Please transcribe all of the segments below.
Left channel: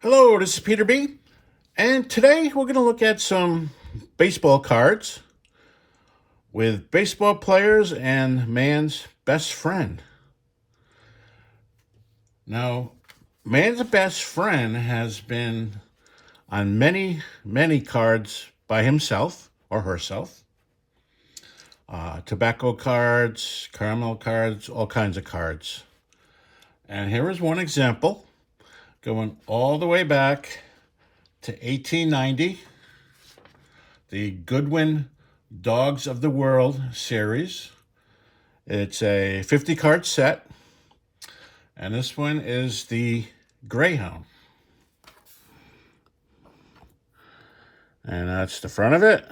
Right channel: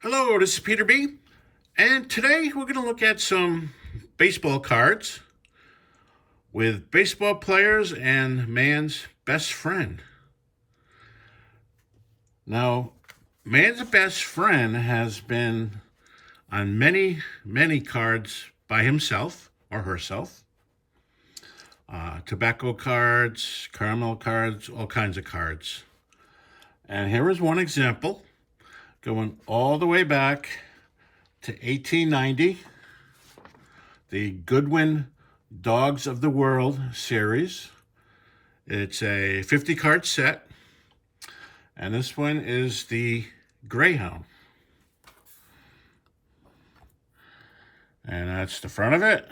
Hello, this is Peter B. And today we're going to look at some baseball cards with baseball players and man's best friend. Now, man's best friend has been on many cards by himself or herself. Tobacco cards, caramel cards, all kinds of cards. And here is one example going all the way back to 1890, the Goodwin Dogs of the World series. It's a 50 card set, and this one is the Greyhound. And that's the front of it,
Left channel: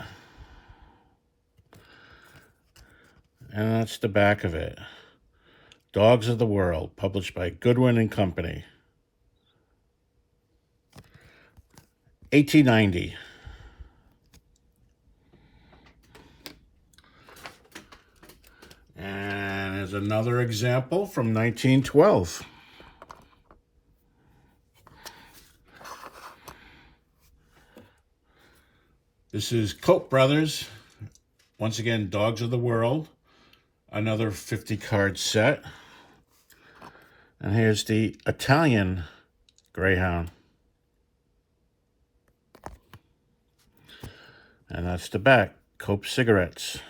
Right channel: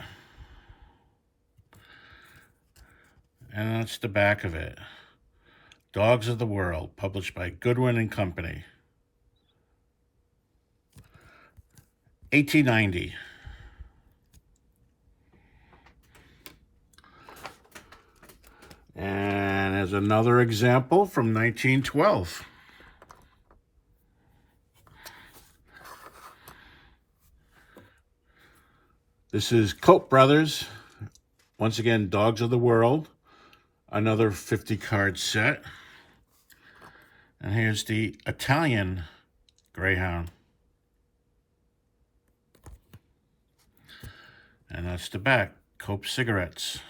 and that's the back of it. Dogs of the World, published by Goodwin and Company. 1890. And there's another example from 1912. This is Koch Brothers, once again, Dogs of the World, another 50 card set. And here's the Italian Greyhound. And that's the back, Koch cigarettes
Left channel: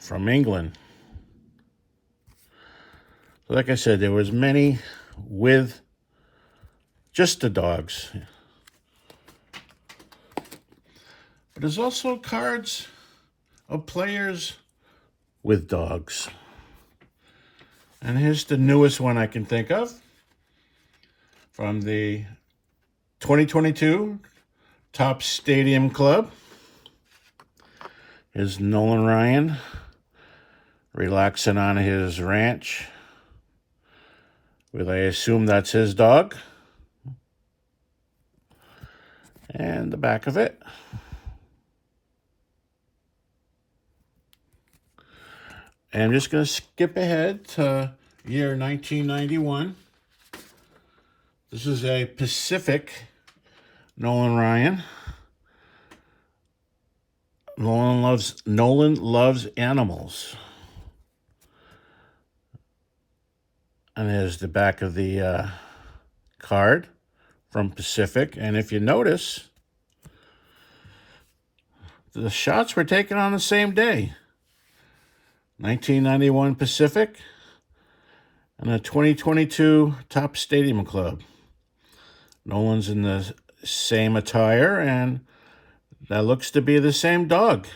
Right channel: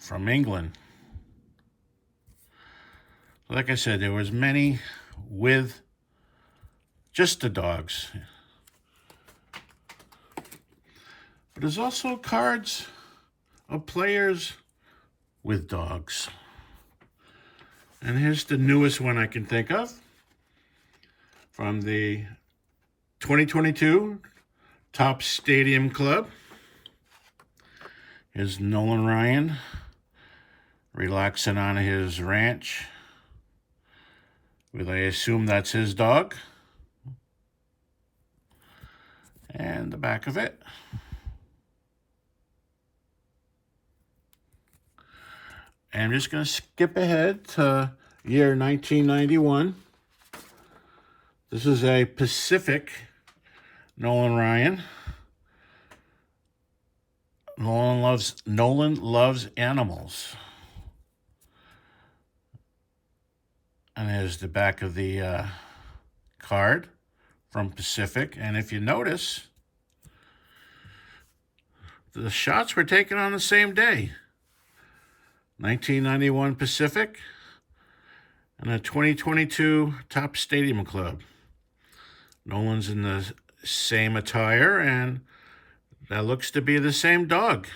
from England. Like I said, there was many with just the dogs. But there's also cards of players with dogs. And here's the newest one I can think of from the 2022 Top Stadium Club. Here's Nolan Ryan relaxing on his ranch with, I assume that's his dog. And the back of it. And I'm just going to skip ahead to year 1991. This is a Pacific Nolan Ryan. Nolan loves animals. And there's the back of the card from Pacific. And if you notice, the shots were taken on the same day. 1991 Pacific and a 2022 Top Stadium Club. Nolan's in the same attire, and that looks to be the same dog.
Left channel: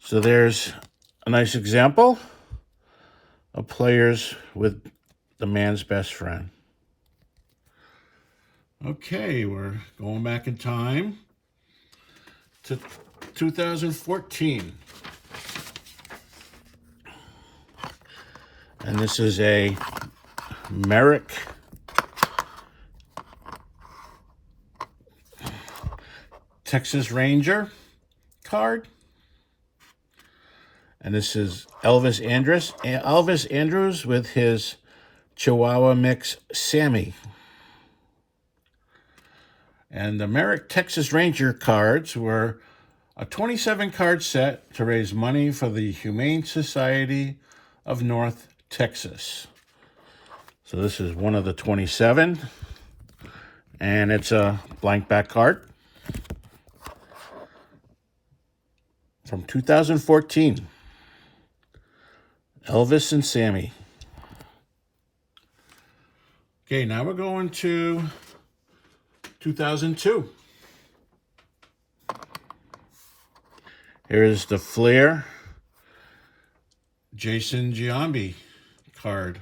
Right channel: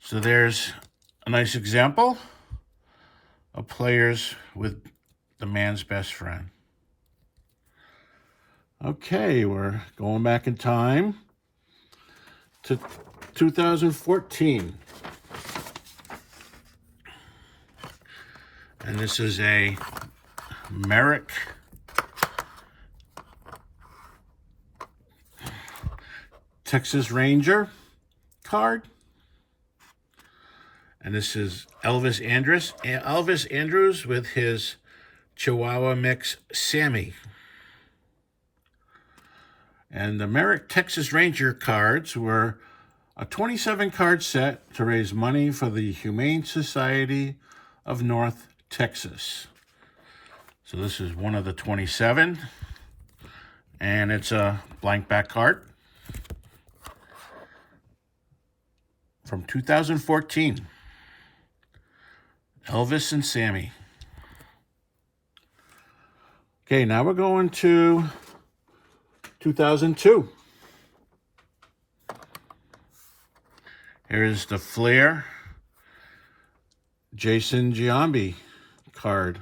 So there's a nice example of players with the man's best friend. Okay, we're going back in time to 2014. And this is a Merrick Texas Ranger card. And this is Elvis Andrews with his Chihuahua mix, Sammy. And the Merrick Texas Ranger cards were a 27 card set to raise money for the Humane Society of North Texas. So this is one of the 27, and it's a blank back card from 2014. Elvis and Sammy. Okay, now we're going to 2002. Here's the Flair Jason Giambi card.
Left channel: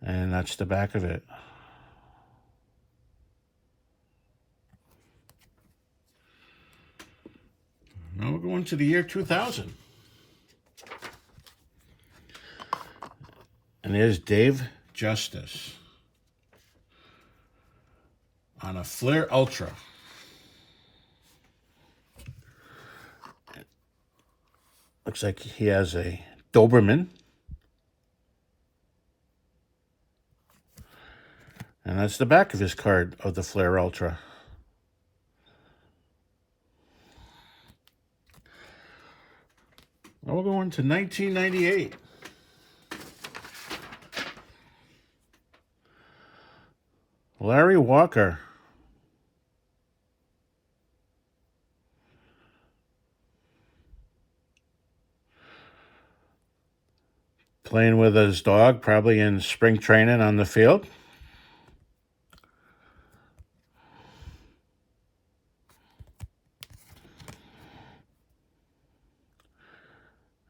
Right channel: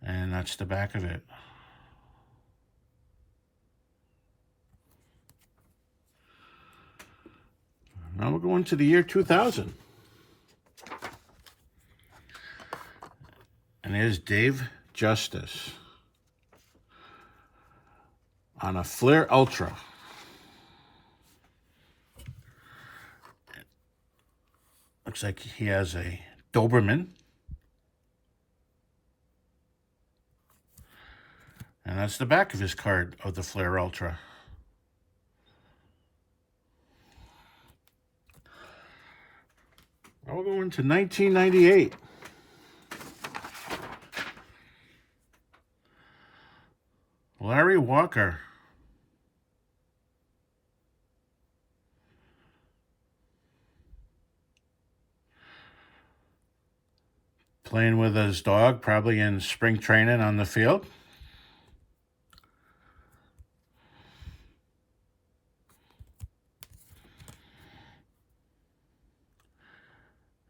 And that's the back of it. Now we're going to the year 2000. And there's Dave Justice. on a Flair Ultra. Looks like he has a Doberman. And that's the back of his card of the Flair Ultra. Now we're going to 1998. Larry Walker. Playing with his dog, probably in spring training on the field.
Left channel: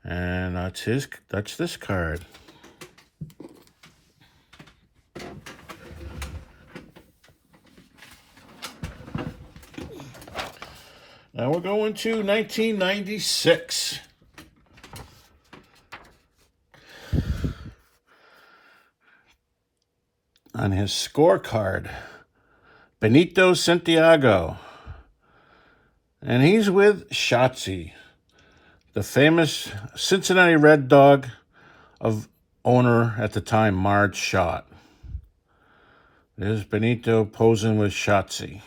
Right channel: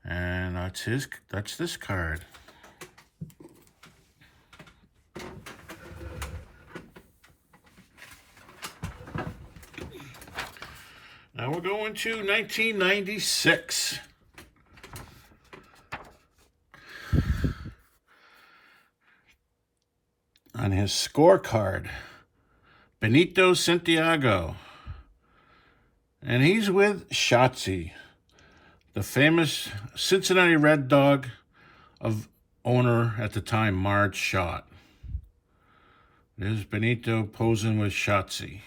And that's this card. Now we're going to 1996. On his scorecard, Benito Santiago. And he's with Shotzi, the famous Cincinnati Red Dog of owner at the time, Marge Schott. There's Benito posing with Shotzi.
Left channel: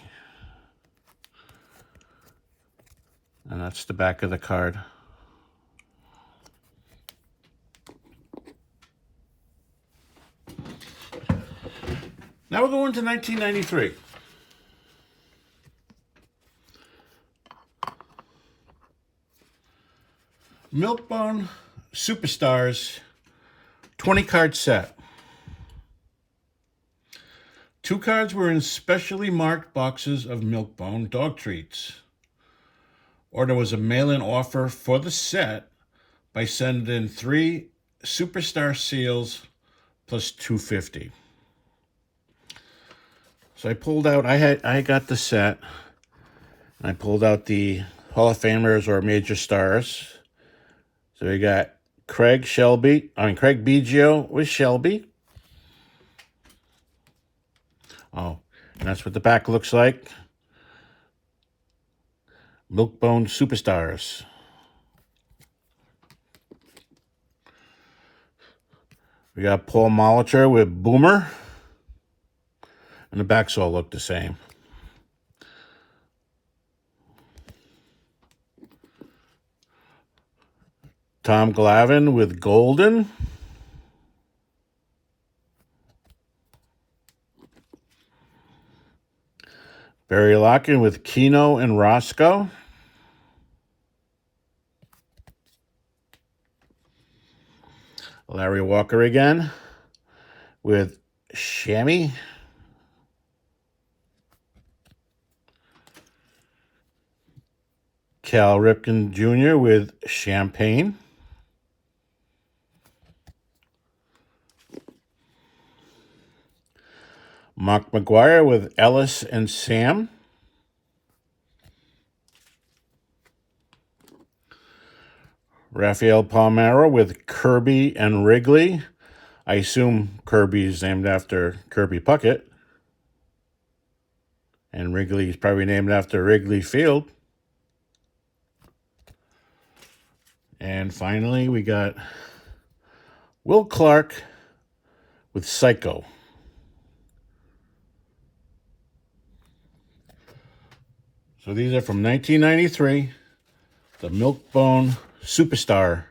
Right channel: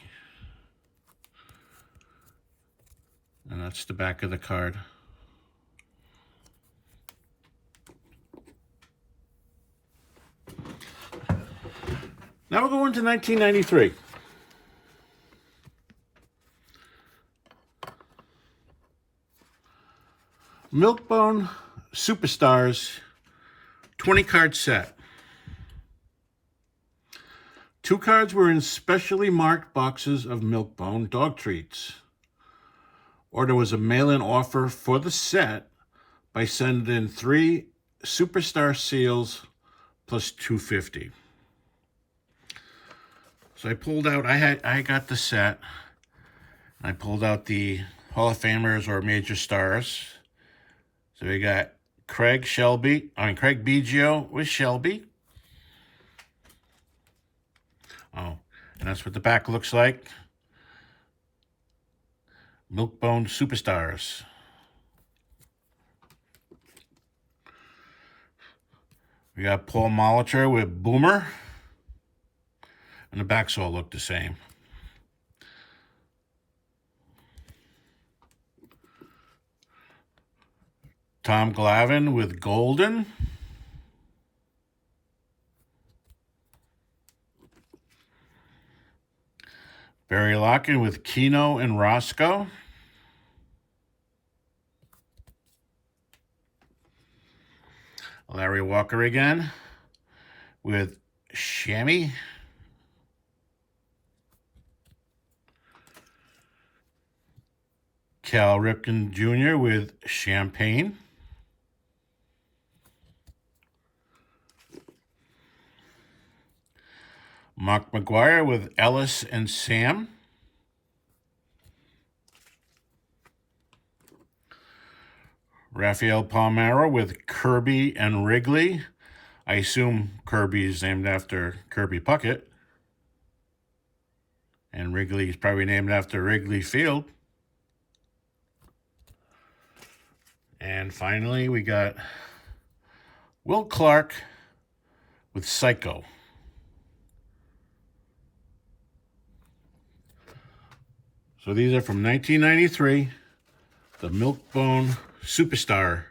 And that's the back of the card. Now we're going to 1993. Milkbone Superstars 20-card set. 2 cards were in specially marked boxes of Milkbone dog treats. Or there was a mail-in offer for the set by sending in 3 Superstar seals plus $2.50. So I pulled out, I got the set. I pulled out the Hall of Famers or Major Stars. So we got Craig Biggio with Shelby. Oh, and that's what the back looks like. Milkbone Superstars. We got Paul Molitor with Boomer. And the backs all look the same. Tom Glavine with Golden. Barry Locken with Keno and Roscoe. Larry Walker again with Shammy. Cal Ripken Jr. with Champagne. Mark McGuire with Ellis and Sam. Rafael Palmeiro with Kirby and Wrigley. I assume Kirby is named after Kirby Puckett. And Wrigley is probably named after Wrigley Field. And finally, we got Will Clark with Psycho. So these are from 1993, the Milkbone Superstar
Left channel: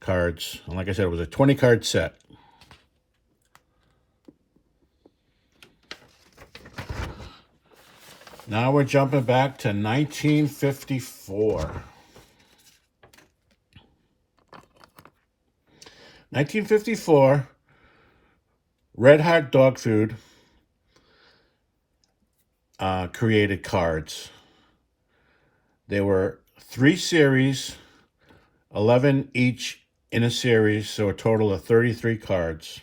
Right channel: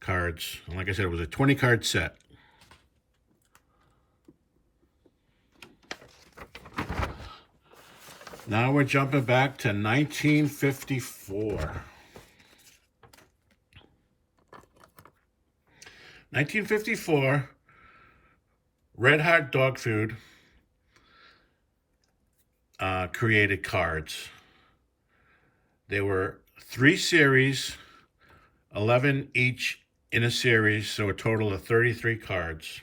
cards. And like I said, it was a 20-card set. Now we're jumping back to 1954. 1954, Red Hot Dog Food created cards. There were 3 series, 11 each in a series, so a total of 33 cards.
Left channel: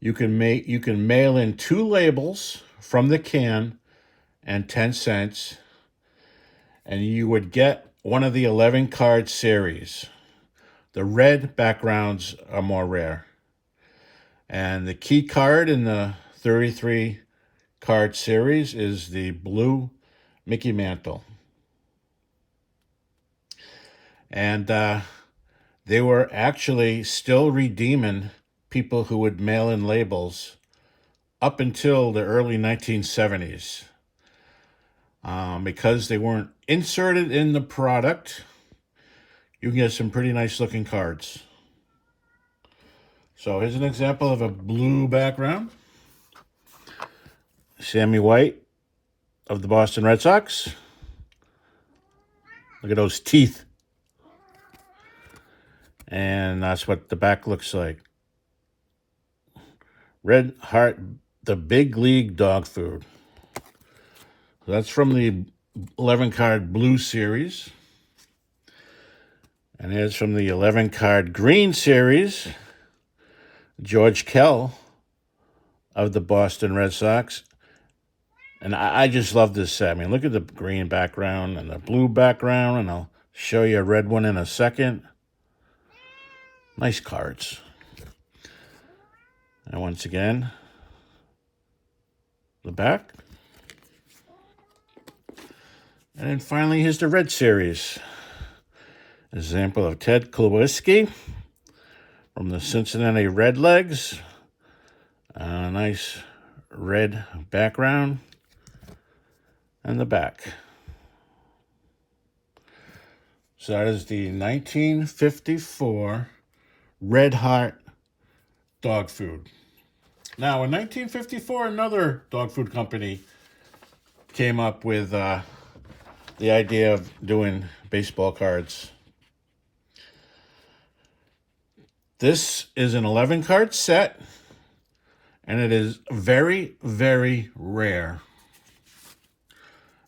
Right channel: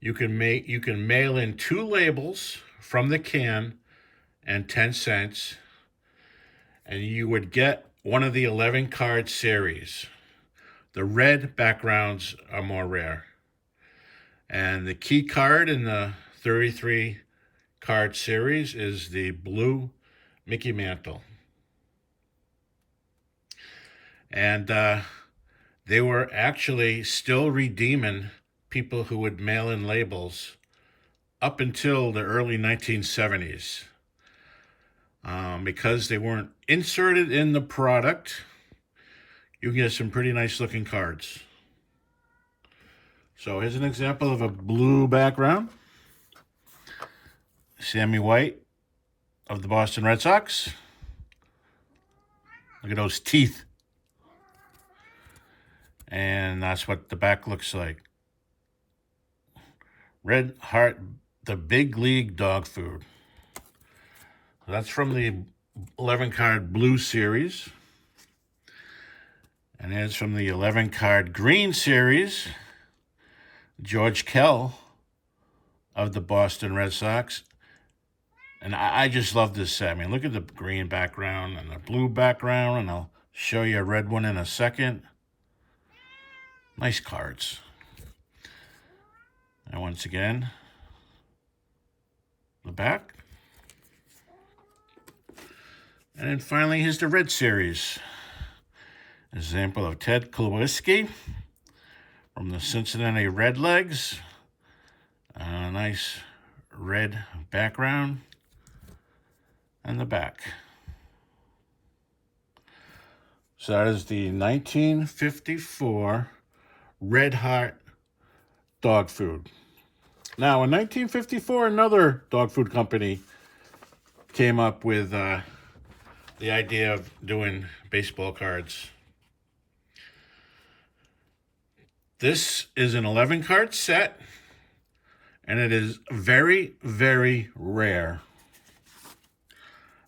You can mail in 2 labels from the can and 10 cents, and you would get one of the 11 card series. The red backgrounds are more rare. And the key card in the 33 card series is the blue Mickey Mantle. And they were actually still redeeming people who would mail in labels up until the early 1970s. Because they weren't inserted in the product, you can get some pretty nice looking cards. So here's an example of a blue background. Sammy White of the Boston Red Sox. Look at those teeth. And that's what the back looks like. Red Heart, the Big League Dog Food. That's from the 11-card blue series. And here's from the 11-card green series. George Kell of the Boston Red Sox. And I just love this set. I mean, look at the green background and the blue background, and I'll show you a red one in a second. Nice cards. And once again, the back. And then finally, here's the red series. Example of Ted Kluwiski from the Cincinnati Redlegs. A nice red background. And the back. So that is the 1954 Red Heart dog food. Now, in 1954, another dog food company came up with the idea of doing baseball cards. This is an 11-card set, and it is very, very rare.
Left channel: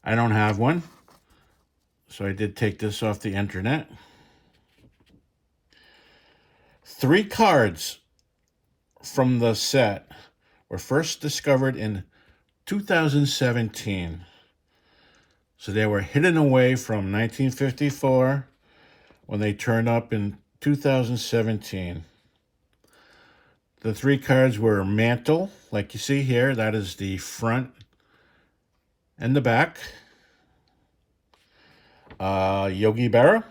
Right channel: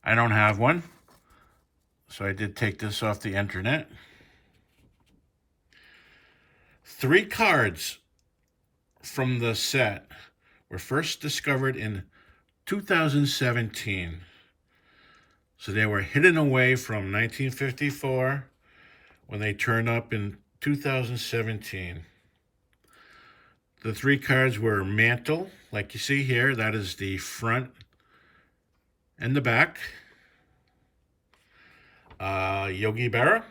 I don't have one, so I did take this off the internet. 3 cards from the set were first discovered in 2017. So they were hidden away from 1954 when they turned up in 2017. The 3 cards were Mantle, like you see here. That is the front and the back. Yogi Berra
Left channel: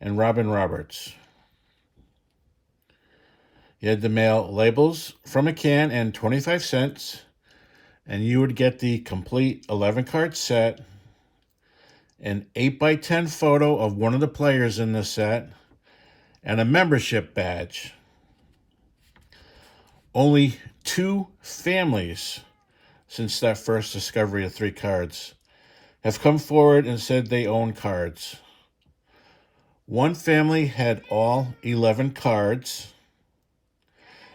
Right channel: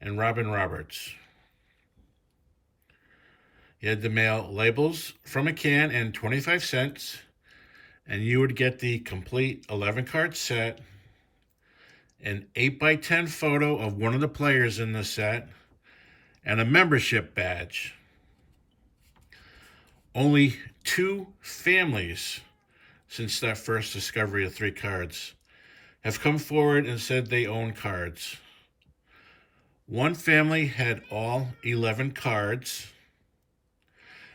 and Robin Roberts. You had to mail labels from a can and 25 cents, and you would get the complete 11-card set, an 8x10 photo of one of the players in the set, and a membership badge. Only 2 families since that first discovery of 3 cards have come forward and said they own cards. One family had all 11 cards,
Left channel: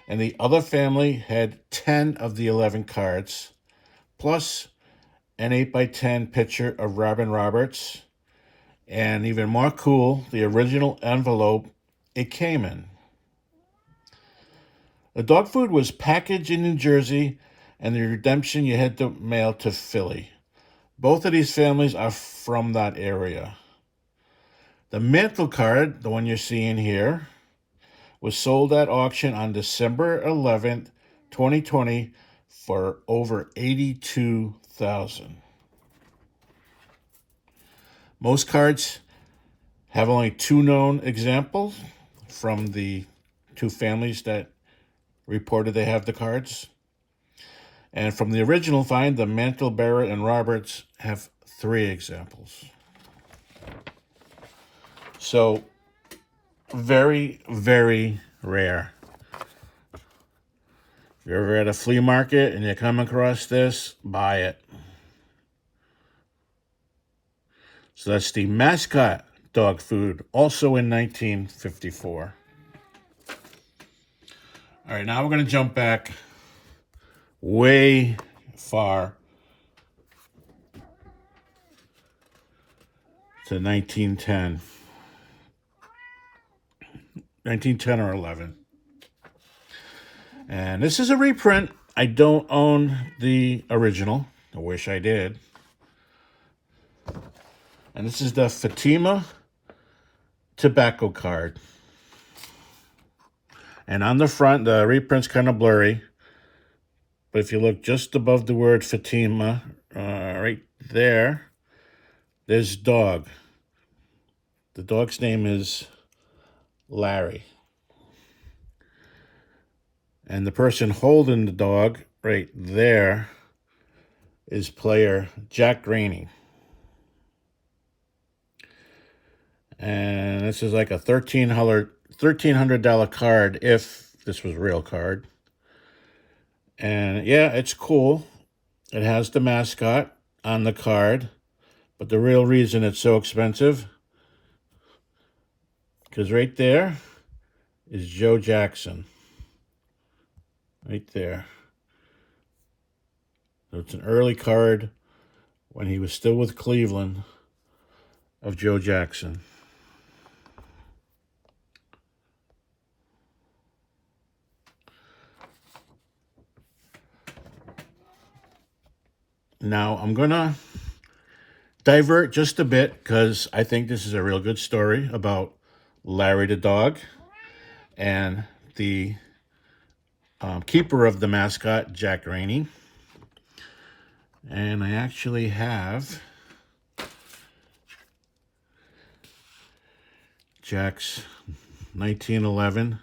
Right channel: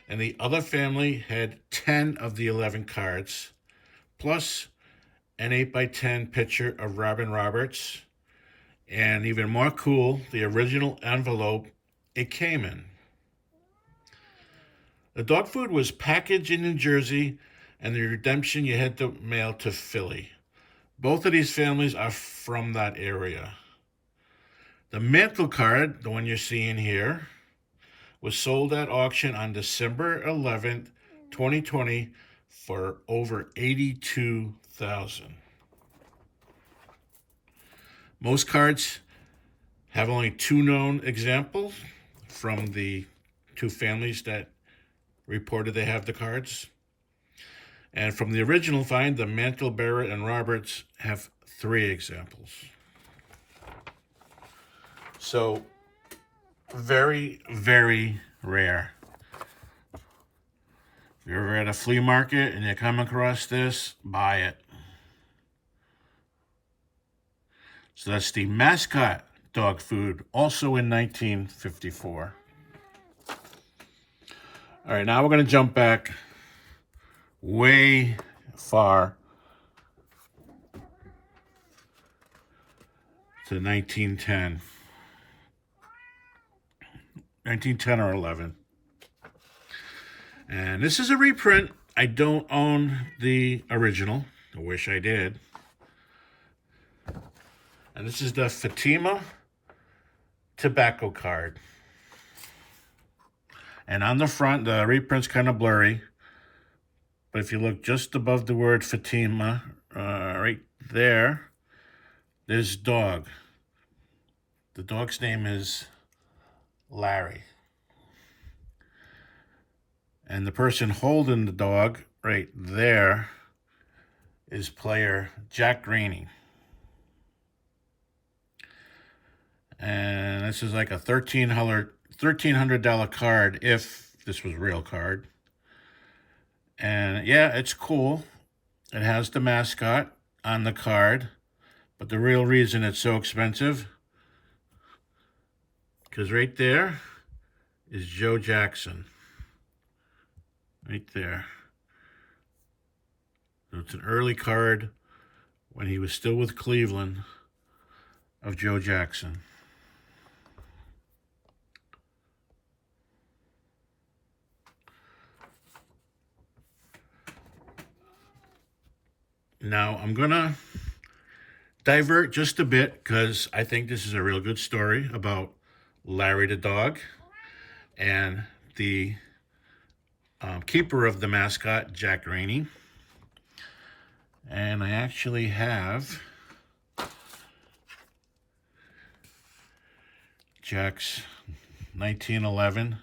and the other family had 10 of the 11 cards, plus an 8x10 picture of Robin Roberts, and even more cool, the original envelope it came in. The dog food was packaged in New Jersey, and the redemption you had to mail to Philly. Both of these families are from that area. The Mantle card, the one you're seeing here, was sold at auction on December 11th, 2020 for over $82,000. Most cards have only 2 known examples from the 2 families that reported they have the cards. And from the original find, the Mantle, Berra, and Roberts have 3 examples. So, very, very rare. If you're ever at a flea market and you come across this, buy it. So that's the mascot dog food, also in 1954. All right, now we're going to jump back way far to 1910. 1910 or 11. And this is a reprint. I don't own the original. I wish I did. And this is the Fatima tobacco card. And on the front, the reprint's kind of blurry, but if you look just above the word Fatima, right there, there's dog. The dog's name is Larry. And the person holding the dog right there is player Jack Rainey. And this is like a $1,300 card if this was a real card. And yeah, it's cool. It has the mascot on the card. But the real reason it's so expensive, because right there is Joe Jackson. Right there. So it's an early card when he was still with Cleveland of Joe Jackson. Now I'm going to divert just a bit because I think this is a real good story about Larry the dog and the keeper of the mascot, Jack Rainey. And I actually have Jack's 1911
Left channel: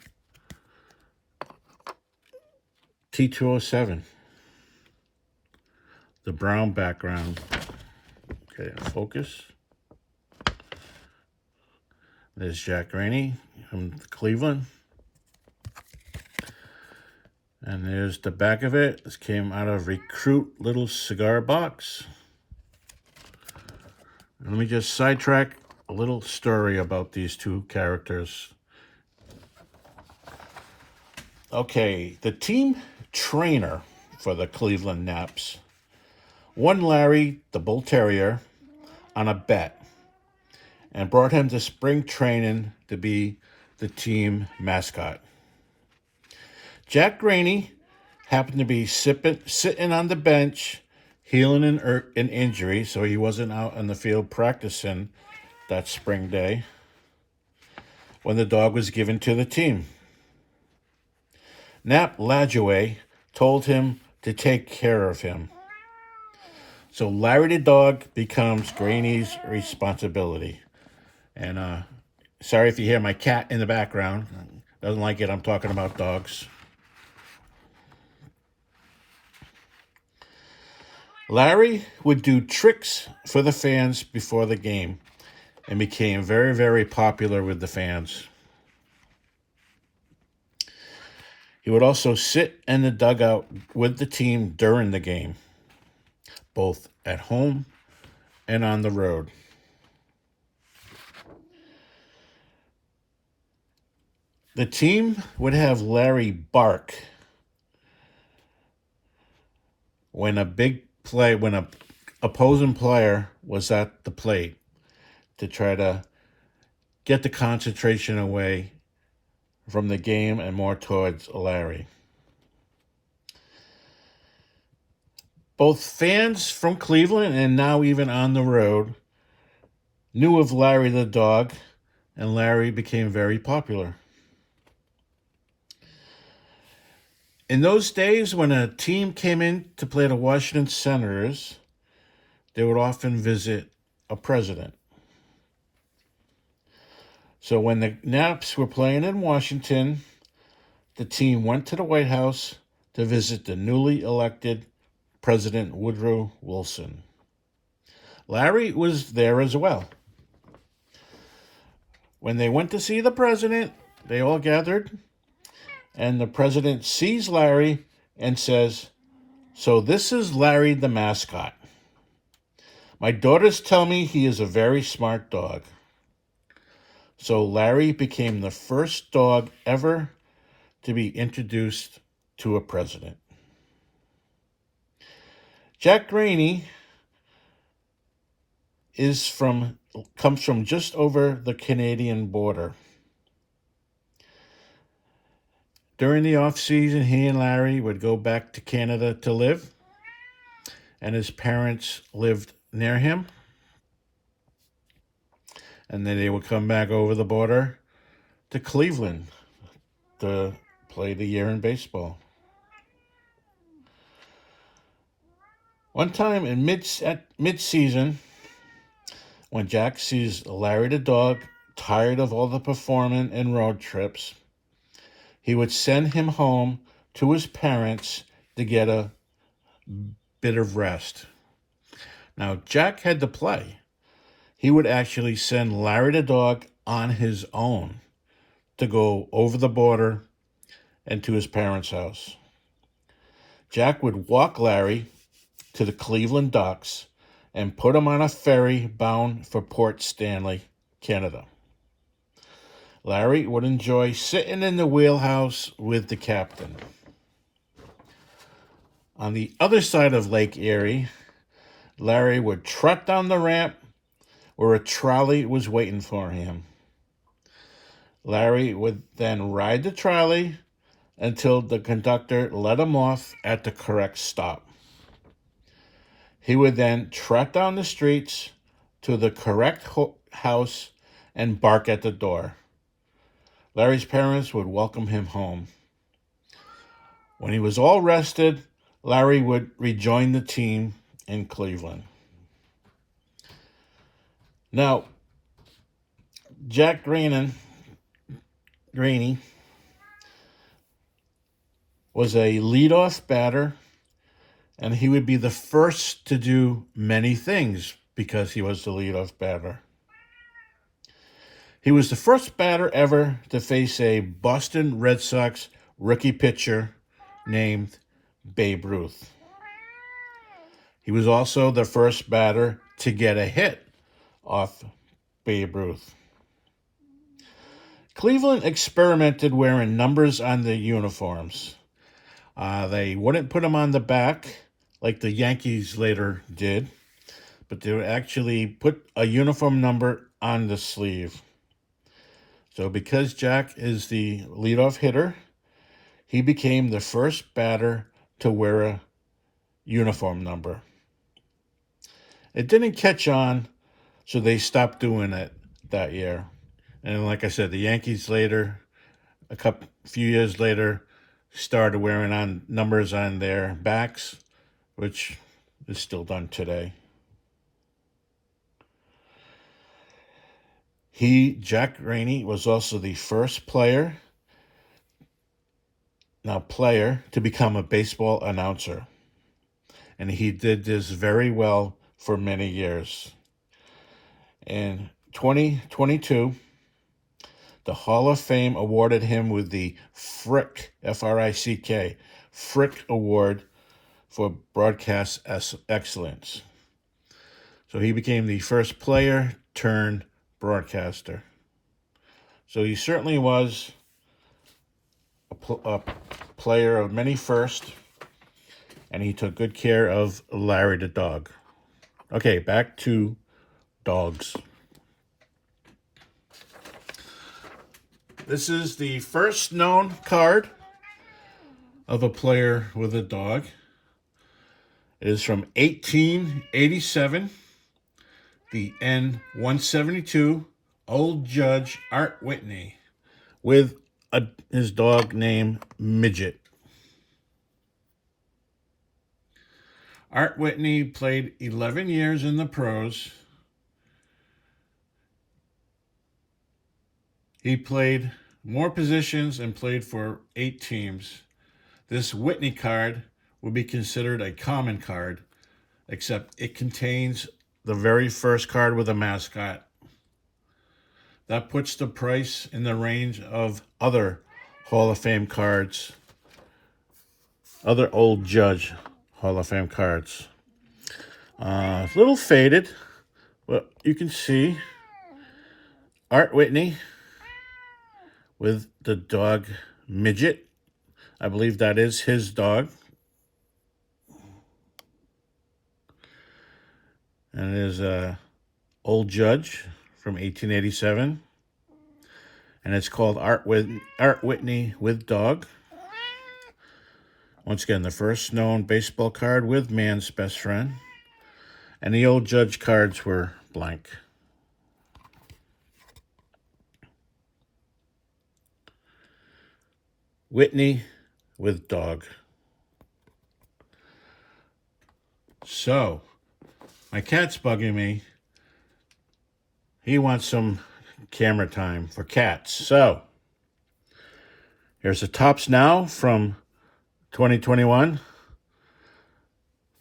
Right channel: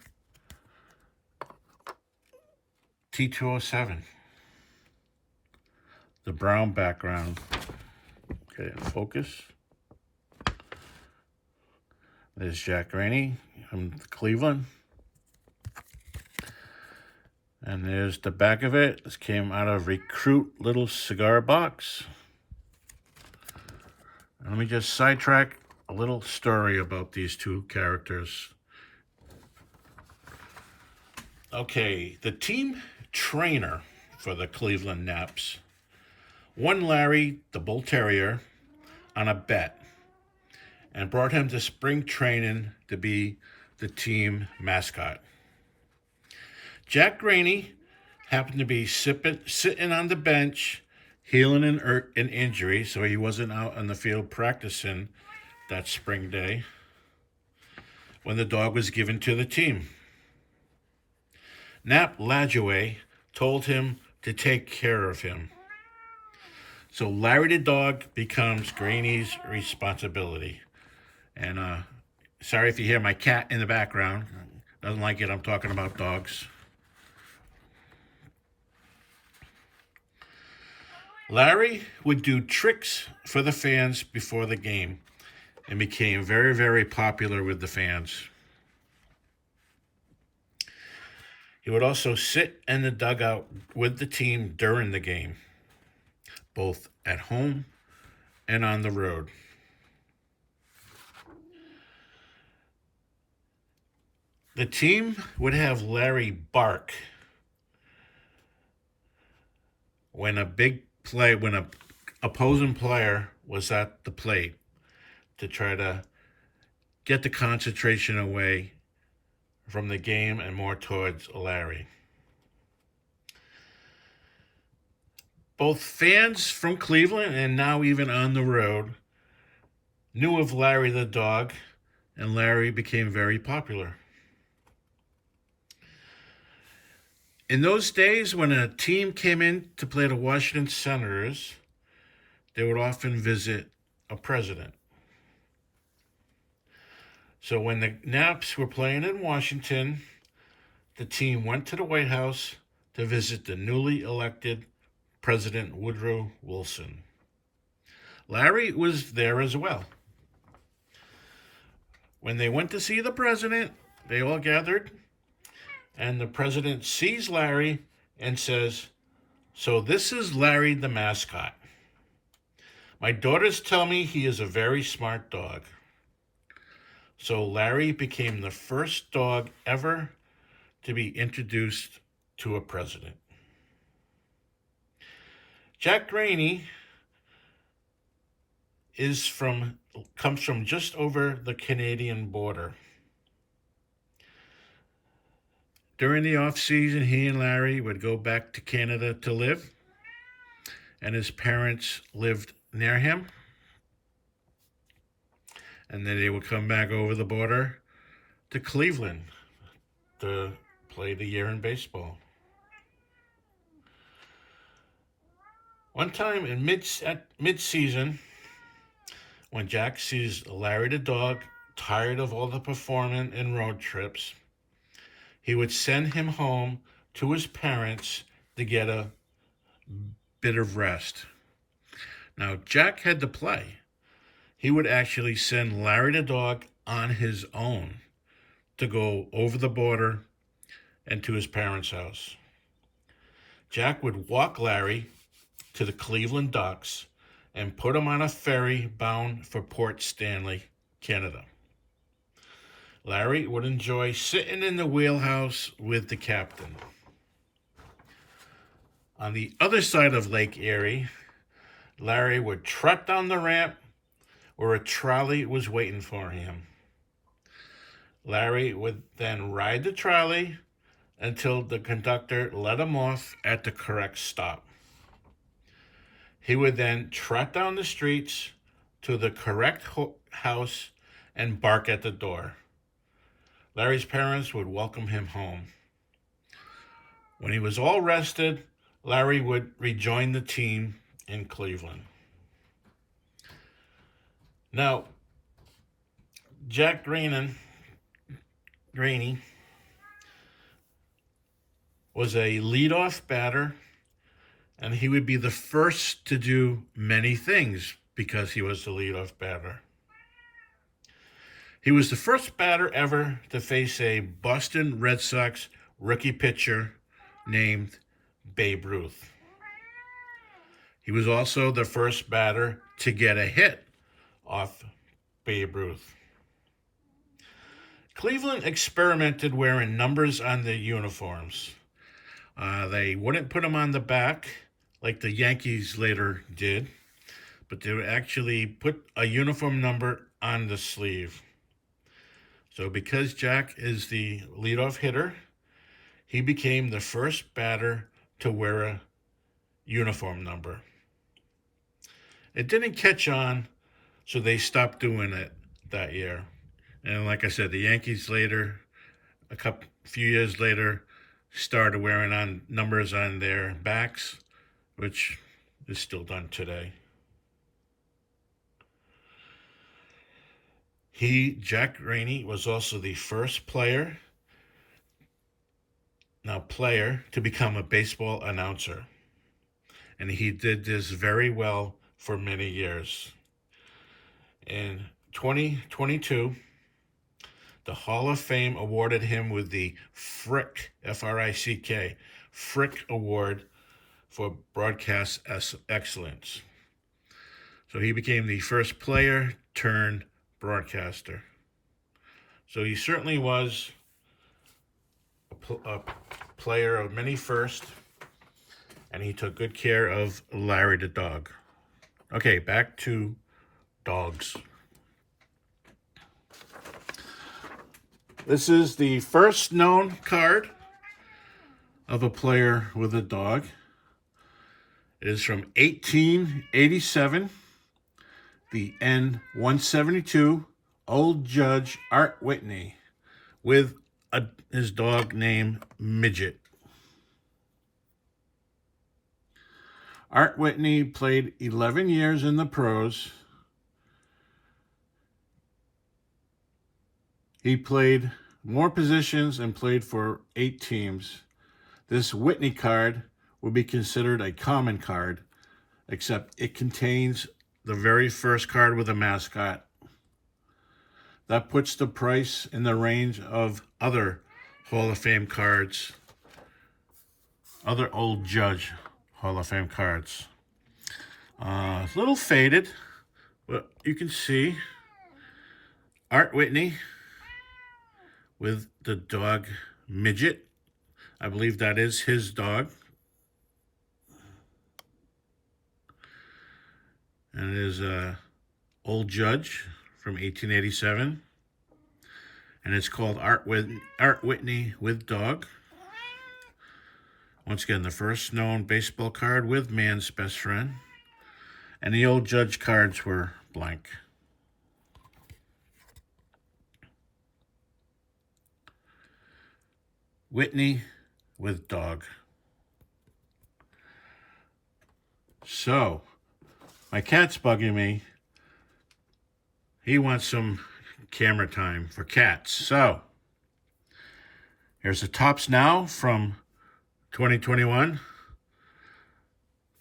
T207. The brown background. Okay, focus. There's Jack Rainey from Cleveland. And there's the back of it. This came out of Recruit little cigar box. And let me just sidetrack a little story about these two characters. Okay, the team trainer for the Cleveland Naps won Larry, the Bull Terrier, on a bet and brought him to spring training to be the team mascot. Jack Rainey happened to be sitting on the bench, healing an injury, so he wasn't out on the field practicing that spring day when the dog was given to the team. Nap Lajoie told him to take care of him. So Larry the dog becomes Rainey's responsibility. And sorry if you hear my cat in the background. Doesn't like it. I'm talking about dogs. Larry would do tricks for the fans before the game and became very, very popular with the fans. He would also sit in the dugout with the team during the game, both at home and on the road. The team would have Larry bark when when an opposing player was at the plate to try to get the concentration away from the game and more towards Larry. Both fans from Cleveland and now even on the road knew of Larry the dog, and Larry became very popular. In those days, when a team came in to play the Washington Senators, they would often visit a president. So when the Naps were playing in Washington, the team went to the White House to visit the newly elected President Woodrow Wilson. Larry was there as well. When they went to see the president, they all gathered, and the president sees Larry and says, "So this is Larry the mascot. My daughters tell me he is a very smart dog." So Larry became the first dog ever to be introduced to a president. Jack Rainey comes from just over the Canadian border. During the off season, he and Larry would go back to Canada to live, and his parents lived near him. And then they would come back over the border to Cleveland to play the year in baseball. One time in mid-season, when Jack sees Larry the dog tired of all the performing and road trips, he would send him home to his parents to get a bit of rest. Now, Jack had to play. He would actually send Larry the dog on his own to go over the border and to his parents' house. Jack would walk Larry to the Cleveland docks and put him on a ferry bound for Port Stanley, Canada. Larry would enjoy sitting in the wheelhouse with the captain. On the other side of Lake Erie, Larry would trot down the ramp where a trolley was waiting for him. Larry would then ride the trolley until the conductor let him off at the correct stop. He would then trot down the streets to the correct house and bark at the door. Larry's parents would welcome him home. When he was all rested, Larry would rejoin the team in Cleveland. Now, Jack Graney was a leadoff batter, and he would be the first to do many things because he was the leadoff batter. He was the first batter ever to face a Boston Red Sox rookie pitcher named Babe Ruth. He was also the first batter to get a hit off Babe Ruth. Cleveland experimented wearing numbers on their uniforms. They wouldn't put them on the back like the Yankees later did, but they would actually put a uniform number on the sleeve. So because Jack is the leadoff hitter, he became the first batter to wear a uniform number. It didn't catch on, so they stopped doing it that year. And like I said, the Yankees later, few years later, started wearing on numbers on their backs, which is still done today. Jack Graney, was also the first player to become a baseball announcer. And he did this very well for many years. In 2022, the Hall of Fame awarded him with the Frick, F-R-I-C-K, Frick Award for broadcast excellence. So he became the first player turned broadcaster. So he certainly was a player of many firsts, and he took good care of Larry the dog. Okay, back to dogs. This is the first known card of a player with a dog. It is from 1887, the N-172, Old Judge Art Whitney, with his dog named Midget. Art Whitney played 11 years in the pros. He played more positions and played for 8 teams. This Whitney card would be considered a common card, except it contains the very first card with a mascot. That puts the price in the range of other Hall of Fame cards, other Old Judge Hall of Fame cards. A little faded, but you can see Art Whitney with the dog Midget. I believe that is his dog. And it is a Old Judge from 1887. And it's called Art Whitney with Dog. Once again, the first known baseball card with man's best friend. And the Old Judge cards were blank. Whitney with dog. So, my cat's bugging me. He wants some camera time for cats. So, here's the Tops Now from 2021.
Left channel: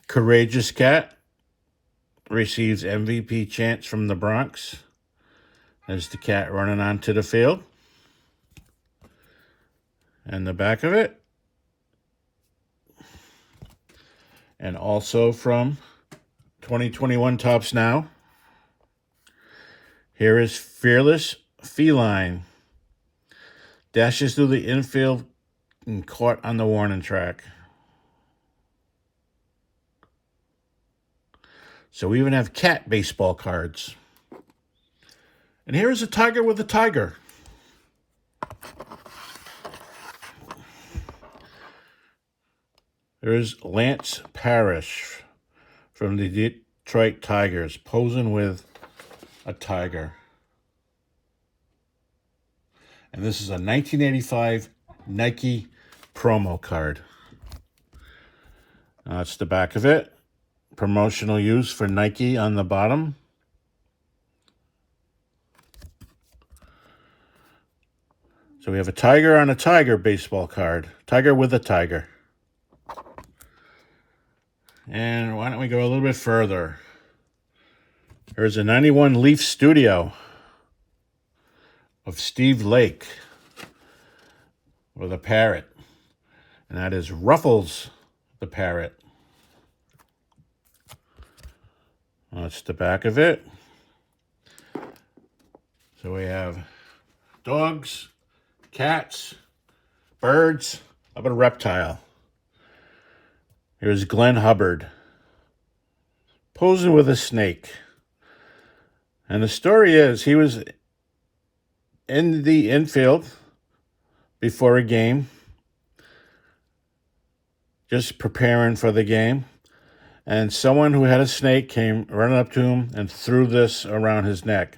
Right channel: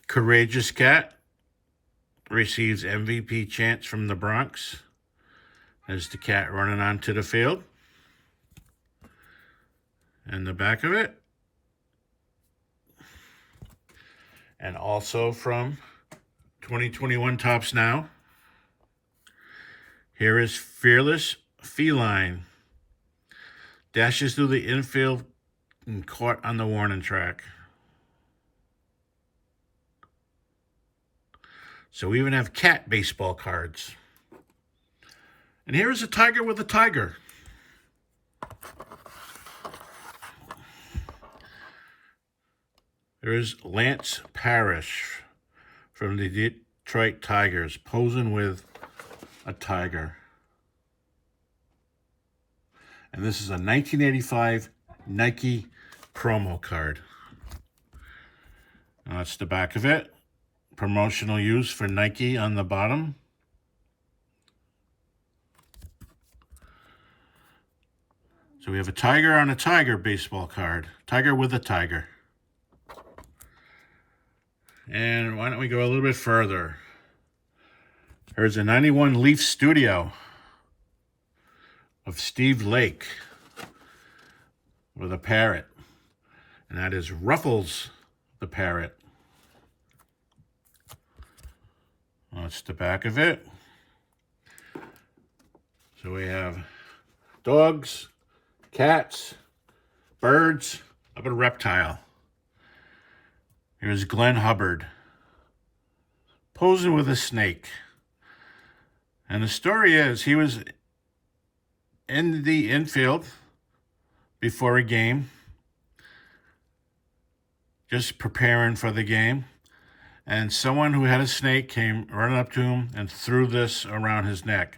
Courageous Cat receives MVP chants from the Bronx. There's the cat running onto the field. And the back of it. And also from 2021 Tops Now. Here is Fearless Feline. Dashes through the infield and caught on the warning track. So we even have cat baseball cards. And here is a tiger with a tiger. There's Lance Parrish from the Detroit Tigers posing with a tiger. And this is a 1985 Nike promo card. That's the back of it. Promotional use for Nike on the bottom. So we have a tiger on a tiger baseball card. Tiger with a tiger. And why don't we go a little bit further? Here's a 91 Leaf Studio of Steve Lake with a parrot. And that is Ruffles the parrot. That's the back of it. So we have dogs, cats, birds, how about a reptile? Here's Glenn Hubbard posing with a snake. And the story is he was in the infield before a game, just preparing for the game. And someone who had a snake came running up to him and threw this around his neck.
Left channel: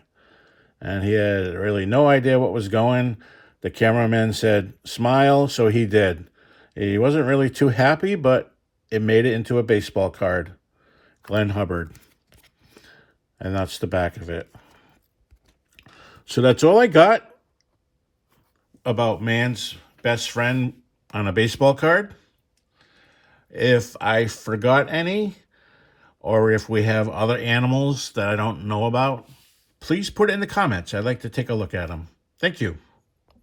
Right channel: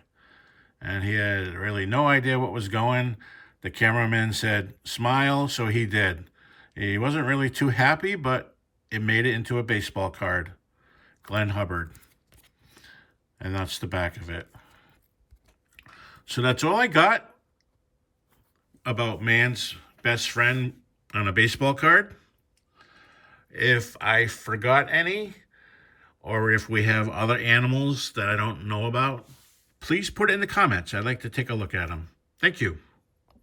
And he had really no idea what was going. The cameraman said, smile, so he did. He wasn't really too happy, but it made it into a baseball card. Glenn Hubbard. And that's the back of it. So that's all I got about man's best friend on a baseball card. If I forgot any, or if we have other animals that I don't know about, please put it in the comments. I'd like to take a look at them. Thank you.